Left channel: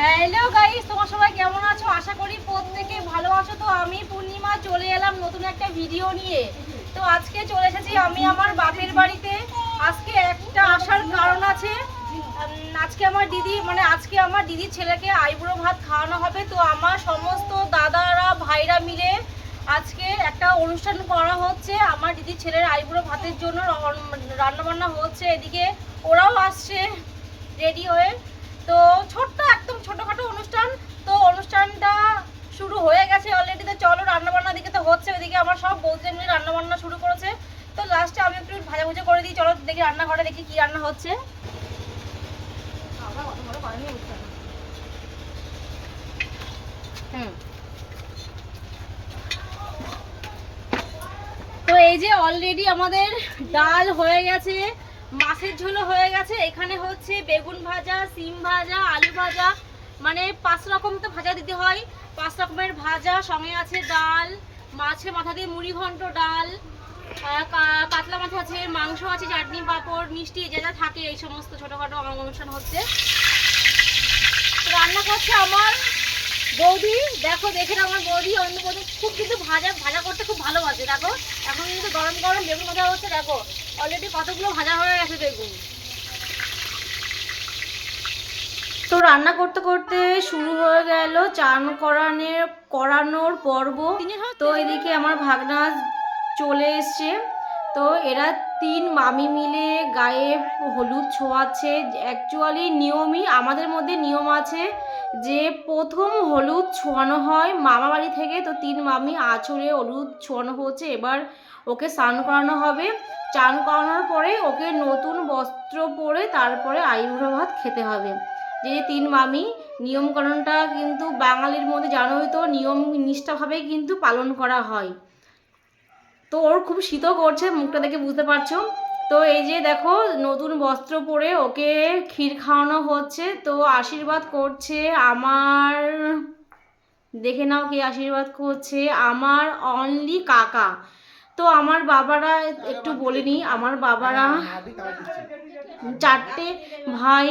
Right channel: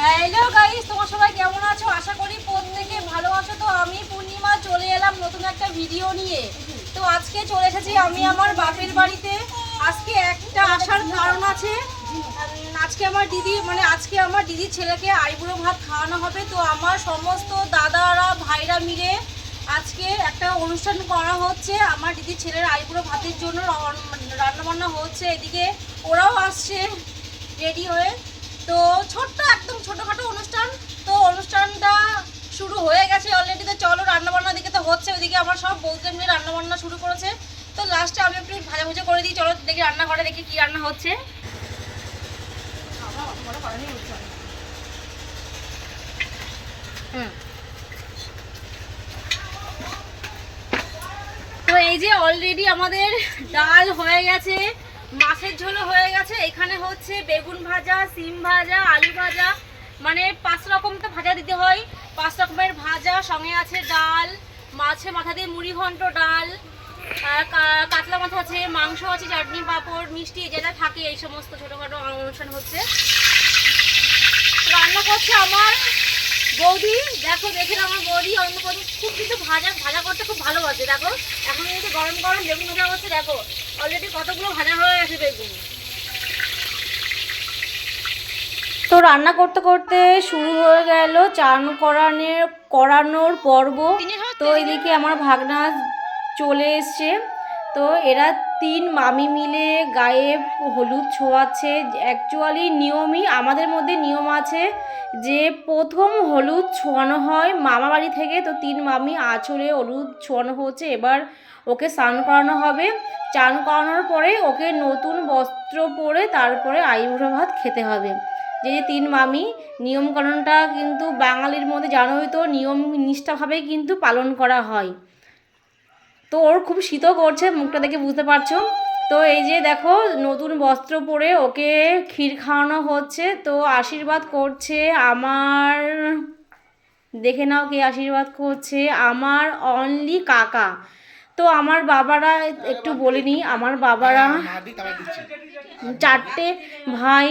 Hello guys তোমার সবাই কেমন আছো? আশা করি প্রত্যেকে ভালো আছো। তো আমি পূর্ণিমা চলে এলাম নতুন একটা ভিডিও নিয়ে। তো আজকে চলে এসেছি আমি আমার বাপের বাড়িতে। আজকে একটা আসার কারণ আছে। আজকে আমার দিদি মানে আজকে আমার দিদির ছেলেকে আইবুড়ো ভাত খাওয়ানো হবে। তো আমার সমস্ত দাদারা, ভাইরা মিলে আজকে একটা অনুষ্ঠান করা হচ্ছে। আমার দিদির ছেলের আইবুড়ো ভাতের জন্য রান্না বান্না হচ্ছে এদিকে। ওরাও আসছে রেডি হয়ে। তো ছোট্ট একদম ছোটখাটো অনুষ্ঠান। তো অনুষ্ঠানটা শুরু হয়ে গেছে অলরেডি তো চলো রান্নাবান্না দিকে তো হচ্ছে ওইদিকে আমার সব বৌদিদের মিলে রান্নাবান্না শুরু করেছে। তো লাস্টে আমি একটু ভাজা ভুজা করে দিই চলো দেখি রান্নাঘরে দেখি কি রান্না হচ্ছে। হুম। তো এই যে অলরেডি আমাদের ডাল হয়ে গেছে। মাছের ঝোলও হয়ে গেছে। এখানে হচ্ছে বেগুন ভাজা, সিম ভাজা, আলু ভাজা মানে পাঁচ রকমকে ভাজা দিতে হয়। পাঁচ রকমের ভাজা, সঙ্গে আছে ডাল মাছের মাথা দিয়ে মুড়ি ঘন্ট ডাল কাতলা মাথা আছে, মাংস আছে, চাটনি পাঁপড়, মিষ্টি যেটা থাকে, এই সমস্ত ছোটোখাটো অনুষ্ঠান হচ্ছে। রান্না করছে আমার বৌদি দেখো দেখে আমার বৌদি অন্য বৌদি খুব কিন্তু ভাজা ভাজা করতে খুব ভালোবাসে দেখো। এখন কিন্তু গরম গরম বেগুন ভাজা হচ্ছে দেখো। অলরেডি কতগুলো ভাজা হয়ে গেছে বেগুন তো রান্না করতে করতে শুরু হয়ে গেল চান করানোর করানোর পর্ব। তো এদিকে আমার ভাগনা চলে এসছে। তো এরা তিন মামি মিলে গায়ে হলুদ ছোঁয়াচ্ছে। অ্যাকচুয়ালি নিয়মই আমাদের মধ্যে নিয়ম আছে যে প্রথম হলুদ ছোঁয়ানো হয় মামা বাড়ি থেকে, তো তিন মামি আঁচড়ে হলুদ ছোঁয়ানো হচ্ছে। এবার ওকে স্নান করানো হবে। চান করানোর পরে ওকে নতুন বস্ত্র পরে তারপরে আইবুড়ো ভাত খেতে হবে। যে তিন মামি নিয়মকানুনটা কিন্তু বাঙালির মধ্যে জানোই তো, নিয়ম নিষ্ঠাভাবেই কিন্তু পালন করা হয়। তো ওর খুব শীতও করছে মুখটা দেখে বুঝতে পারছ। তো এই যে দেখো নতুন বস্ত্র পরে ওকে ক্ষীর খাওয়ানো হচ্ছে। তো আশীর্বাদ করছে আমার দেখে নাও কে আশীর্বাদ করছে আমার অনলি কাকা। তো আমার বাবারা একটু বলিনি আমার বাবারা চারটে ভাই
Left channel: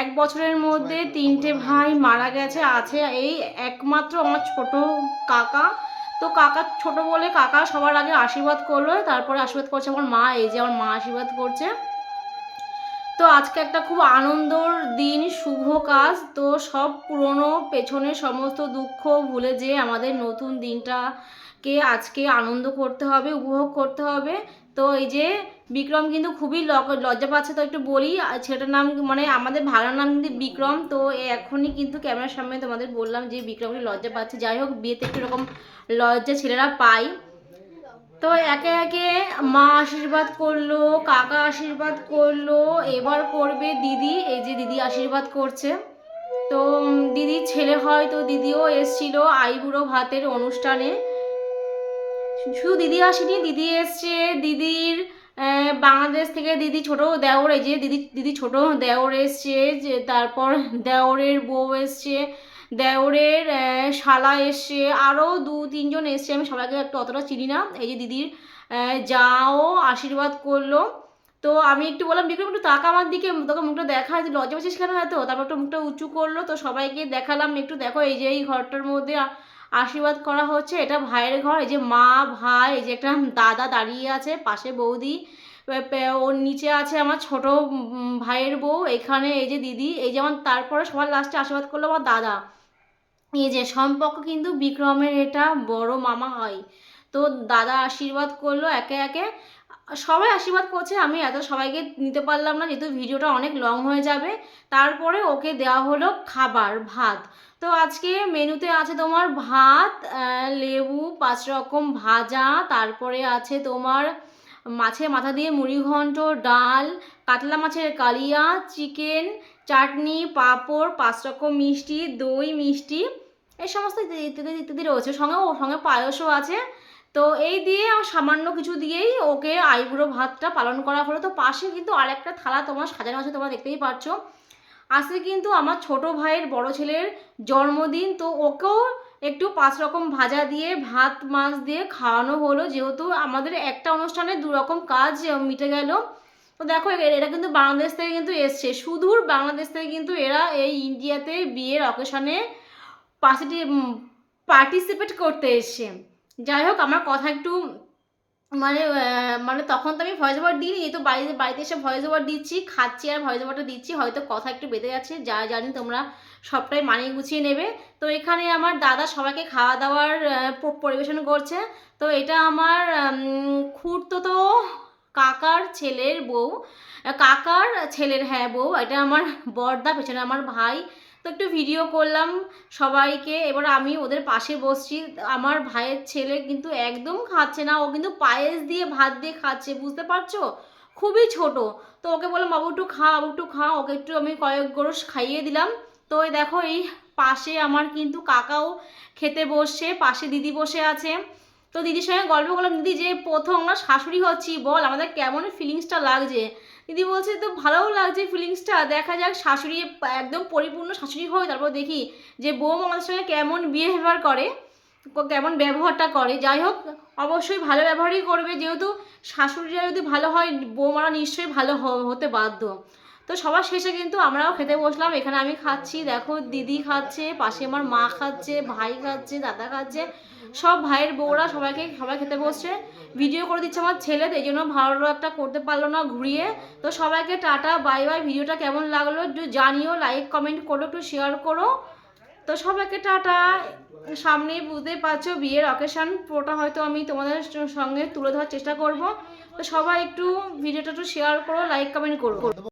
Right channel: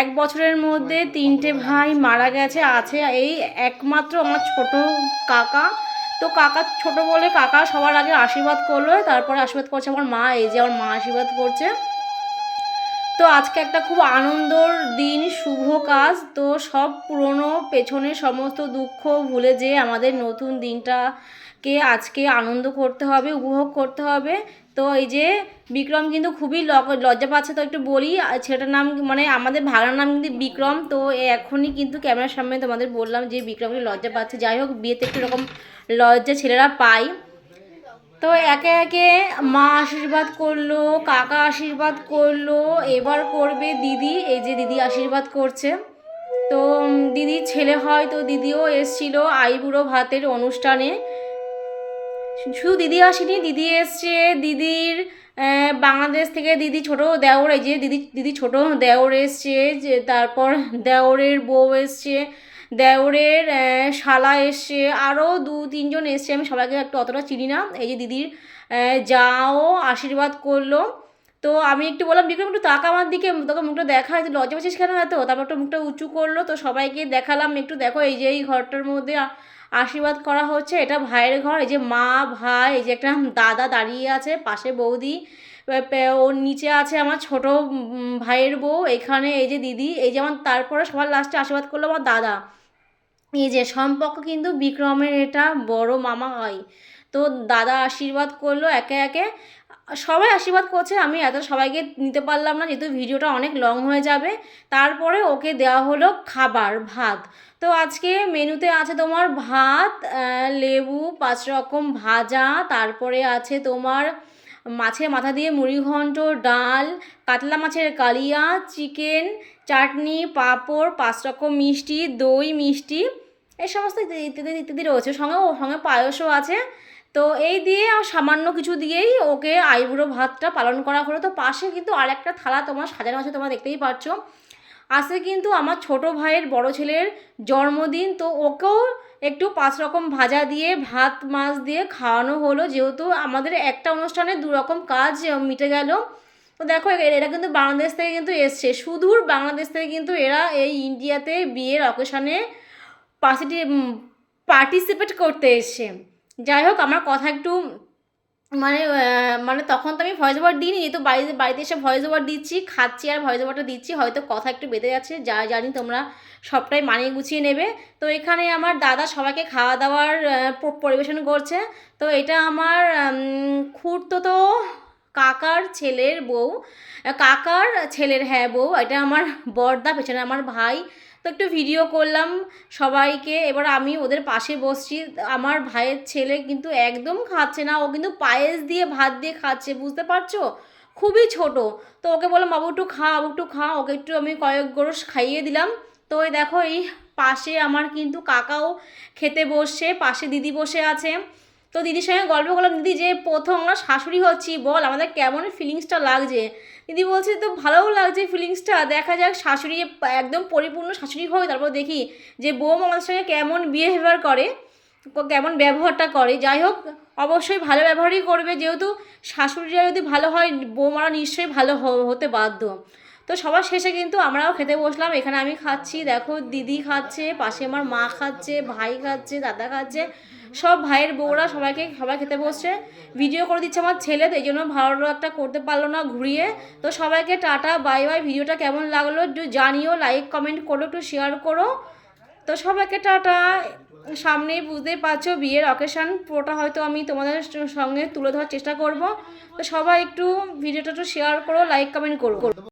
এক বছরের মধ্যে তিনটে ভাই মারা গেছে আছে এই একমাত্র আমার ছোট কাকা। তো কাকা ছোট বলে কাকা সবার আগে আশীর্বাদ করল, তারপরে আশীর্বাদ করছে আমার মা, এই যে আমার মা আশীর্বাদ করছে। তো আজকে একটা খুব আনন্দর দিন, শুভ কাজ। তো সব পুরনো পেছনে সমস্ত দুঃখ ভুলে যে আমাদের নতুন দিনটাকে আজকে আনন্দ করতে হবে, উপভোগ করতে হবে। তো এই যে বিক্রম কিন্তু খুবই লজ্জা পাচ্ছে, তো একটু বলি ছেলেটার নাম মানে আমাদের ভাড়ার নাম কিন্তু বিক্রম। তো এখনই কিন্তু ক্যামেরার সামনে তোমাদের বললাম যে বিক্রমকে লজ্জা পাচ্ছে। যাই হোক, বিয়েতে একটু এরকম লজ্জা ছেলেরা পায় তো একে একে মা আশীর্বাদ করল, কাকা আশীর্বাদ করল, এবার করবে দিদি, এই যে দিদি আশীর্বাদ করছে। তো দিদির ছেলে হয় তো দিদিও এসছিল আইবুড়ো ভাতের অনুষ্ঠানে। শুধু দিদি আসেনি, দিদি এসছে, দিদির বাংলাদেশ থেকে দিদি ছোট দেওর, এই যে দিদি দিদি ছোট দেওর এসছে, যে তারপর দেওরের বউ এসছে। দেওরের শালা এসছে আরও দু তিনজন এসছে, আমি সবাইকে একটু অতটা চিনি না। এই যে দিদির যাও, আশীর্বাদ করল। তো আমি একটু বললাম, বিক্রম, একটু তাকা আমার দিকে, তোকে মুখটা দেখা, তুই লজ্জা পাচ্ছিস কেন এত? তারপর একটু মুখটা উঁচু করল, তো সবাইকে দেখালাম, একটু দেখো, এই যে এই ঘরটার মধ্যে আশীর্বাদ করা হচ্ছে, এটা ভাইয়ের ঘর, এই যে মা, ভাই, এই যে একটা দাদা দাঁড়িয়ে আছে, পাশে বৌদি ওর নিচে আছে আমার ছোট ভাইয়ের বউ, এখানে এই যে দিদি, এই যেমন তারপরে সবার লাস্টে আশীর্বাদ করল আমার দাদা। এই যে সম্পর্ক কিন্তু বিক্রমের এটা বড় মামা হয়। তো দাদা আশীর্বাদ করল একে একে। সবাই আশীর্বাদ করছে, আমি এত সবাইকে নিতে পারলাম না, যেহেতু ভিডিওটা অনেক লং হয়ে যাবে। তারপরে ওকে দেওয়া হলো খাবার, ভাত। তো আজকে মেনুতে আছে তোমার ভাত লেবু, পাঁচ রকম ভাজা, তারপরে আছে তোমার মাছের মাথা দিয়ে মুড়িঘণ্ট, ডাল, কাতলা মাছের কালিয়া, চিকেন চাটনি, পাঁপড়, পাঁচ রকম মিষ্টি, দই, মিষ্টি, এই সমস্ত ইত্যাদি ইত্যাদি রয়েছে। সঙ্গে ও, সঙ্গে পায়সও আছে। তো এই দিয়ে সামান্য কিছু দিয়েই ওকে আইবুড়ো ভাতটা পালন করা হলো। তো পাশে কিন্তু আরেকটা থালা তোমার সাজানো আছে, তোমরা দেখতেই পাচ্ছ। আজকে কিন্তু আমার ছোট ভাইয়ের বড় ছেলের জন্মদিন। তো ওকেও একটু পাঁচ রকম ভাজা দিয়ে, ভাত, মাছ দিয়ে খাওয়ানো হলো। যেহেতু আমাদের একটা অনুষ্ঠানে দু রকম কাজ মিটে গেল। তো দেখো এরা কিন্তু বাংলাদেশ থেকে কিন্তু এসছে। সুদূর বাংলাদেশ থেকে কিন্তু এরা এই ইন্ডিয়াতে বিয়ের অকেশনে পার্সিটি পার্টিসিপেট করতে এসছে। যাই হোক, আমার কথা একটু মানে মানে তখন তো আমি ভয়েস ওভার দিইনি, তো বাড়িতে বাড়িতে এসে ভয়েস ওভার দিচ্ছি, খাচ্ছি আর ভয়েস ওভারটা দিচ্ছি, হয়তো কথা একটু বেঁধে যাচ্ছে, যা জানি তোমরা সবটাই মানিয়ে গুছিয়ে নেবে। তো এখানে আমার দাদা সবাইকে খাওয়া দাওয়ার পরিবেশন করছে। তো এটা আমার খুঁড়তো তো কাকার ছেলের বউ, কাকার ছেলের হ্যাঁ বউ, এটা আমার বর্দা, পেছনে আমার ভাই। তো একটু ভিডিও করলাম সবাইকে। এবার আমি ওদের পাশে বসছি। আমার ভাইয়ের ছেলে কিন্তু একদম খাচ্ছে না। ও কিন্তু পায়েস দিয়ে ভাত দিয়ে খাচ্ছে, বুঝতে পারছ? খুবই ছোট। তো ওকে বললাম, বাবু, একটু খা, বাবু, একটু খা। ওকে একটু আমি কয়েক গরস খাইয়ে দিলাম। তো দেখো, এই পাশে আমার কিন্তু কাকাও খেতে বসছে, পাশে দিদি বসে আছে। তো দিদির সঙ্গে গল্প করলাম, দিদি যে প্রথম আমরা শাশুড়ি হচ্ছি, বল আমাদের কেমন ফিলিংসটা লাগছে? দিদি বলছে তো ভালোও লাগছে ফিলিংসটা দেখা যাক শাশুড়ি একদম পরিপূর্ণ শাশুড়ি হবে তারপর দেখি যে বৌমা আমাদের সঙ্গে কেমন বিহেভিয়ার করে কেমন ব্যবহারটা করে। যাই হোক, অবশ্যই ভালো ব্যবহারই করবে, যেহেতু শাশুড়িরা যদি ভালো হয়, বৌমারা নিশ্চয়ই ভালো হতে বাধ্য। তো সবার শেষে কিন্তু আমরাও খেতে বসলাম, এখানে আমি খাচ্ছি, দেখো দিদি খাচ্ছে, পাশে আমার মা খাচ্ছে, ভাই খাচ্ছে, দাদা খাচ্ছে। সব ভাইয়ের বউরা সবাইকে সবাই খেতে বসছে। ভিডিও করে দিচ্ছে আমার ছেলে তো, এই জন্য ভালো একটা করতে পারল না ঘুরিয়ে। তো সবাইকে টাটা বাই বাই ভিডিওটা কেমন লাগল একটু জানিও লাইক কমেন্ট করো, একটু শেয়ার করো। তো সবাইকে টাটা। সামনেই বুঝতেই পারছ বিয়ের অকেশান পুরোটা হয়তো আমি তোমাদের সঙ্গে তুলে ধরার চেষ্টা করব। তো সবাই একটু ভিডিওটা একটু শেয়ার করো লাইক কমেন্ট করো।